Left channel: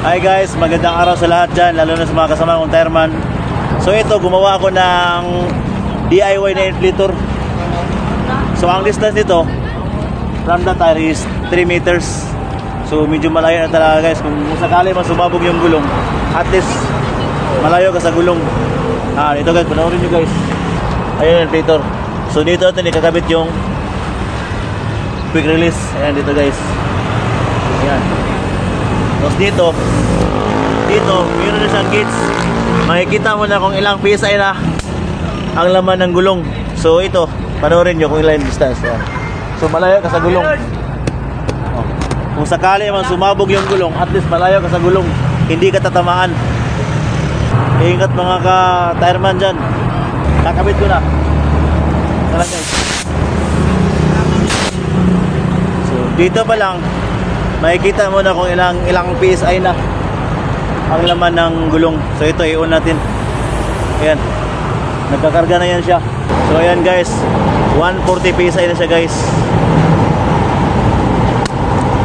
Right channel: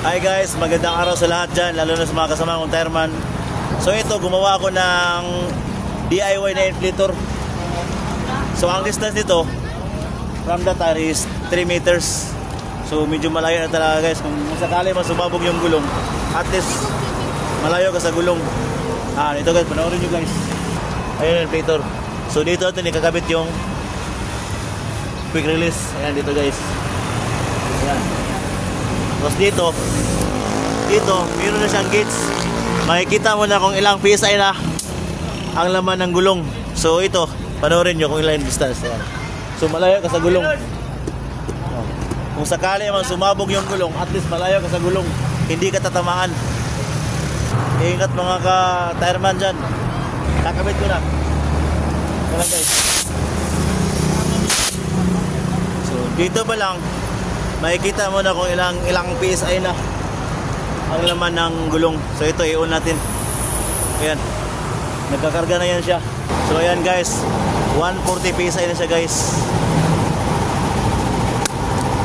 Hi guys, magandang araw sa lahat dyan, lalo na sa mga kasama kong tireman. So ito, gumawa ako ng DIY na inflator. So ang distance nito from the tire is 3 meters. So medyo malayo na talaga guys. Kung sakali man sumabog yung gulong, at least malayo ka sa gulong. Ito guys, panoorin nyo guys. Ayan yung inflator. So dito natin ikakabit yung quick release. Ayan dito guys. Ayan. Tapos dito meron na siyang gauge. Makikita mo na kung ilang PSI na ang laman ng gulong. So ito, panoorin nyo kung ilang distance. Ayan. So malayo ka sa gulong. Kung sakali man sumabog yung gulong, at least malayo ka sa gulong, hindi ka tatamaan. Ingat mga ka-tireman dyan. Kakabit ko na. So dito pa lang makikita mo na kung ilang PSI na ang laman ng gulong. So ito, i-on natin. Ayan, nagkakarga na yan siya. So ayan guys, 140 PSI na siya guys.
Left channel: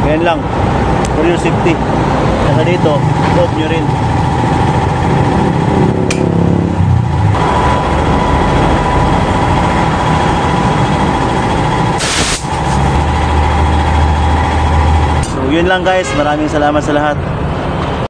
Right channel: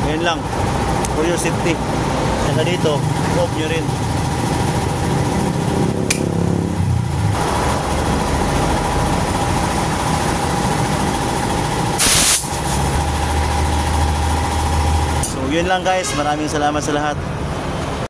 Ayan lang, for your safety. Saka dito, i-off nyo rin. So yun lang guys, maraming salamat sa lahat.